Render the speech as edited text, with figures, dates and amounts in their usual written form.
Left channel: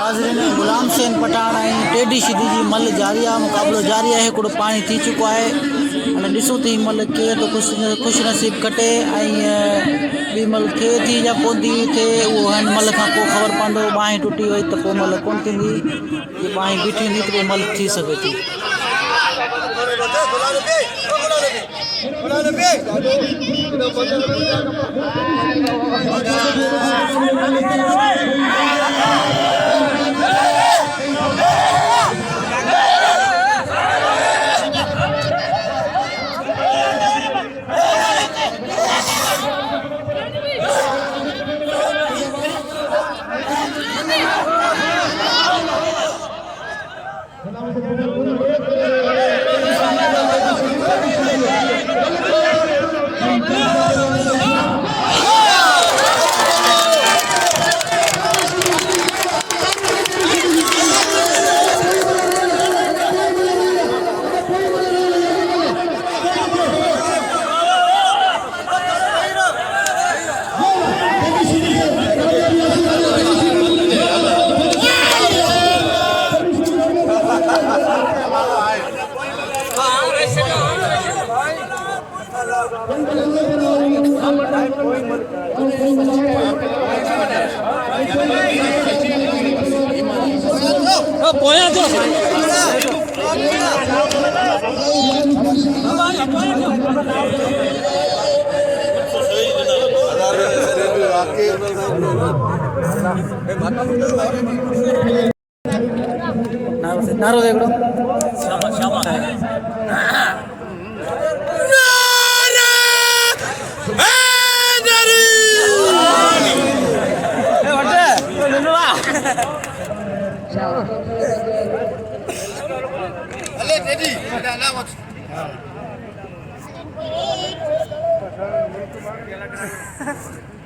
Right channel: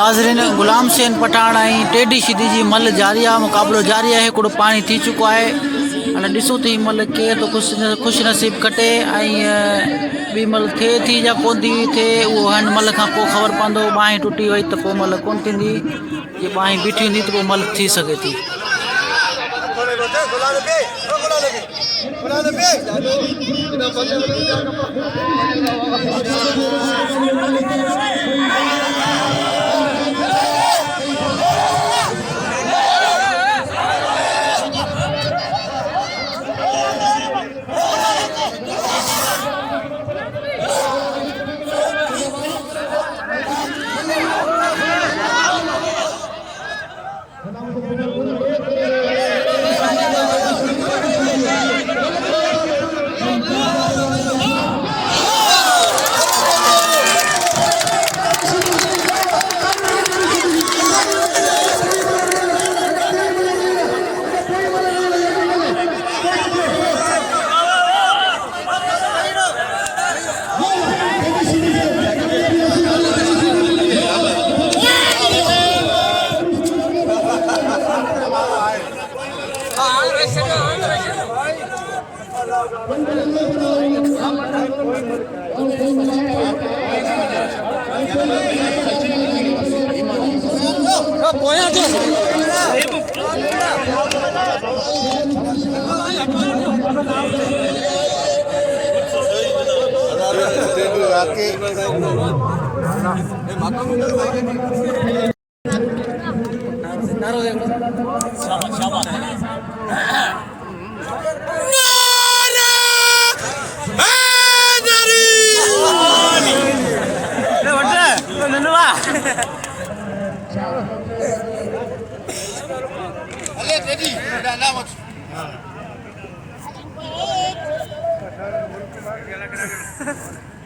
नाज़रीन, गुलाम हुसैन पठान ऐं टेडी शिदी जी मल जारी आहे, मुक़ाबिलो जारी आहे। हिकिड़ो पाणी थी चुको आहे। हाणे ॾिसूं त हीअ मल केरु थो ख़ुशि नसीब कटे ऐं ॿी मल थिए थी या कोन थी थिए, उहो हिन मल खां पोइ ख़बर पवंदो। बाहि टुटी वई त पोइ मल कोन थींदी, जे बाहि बीठी हूंदी त पोइ मल थी सघे थी। Allez, Teddy, là,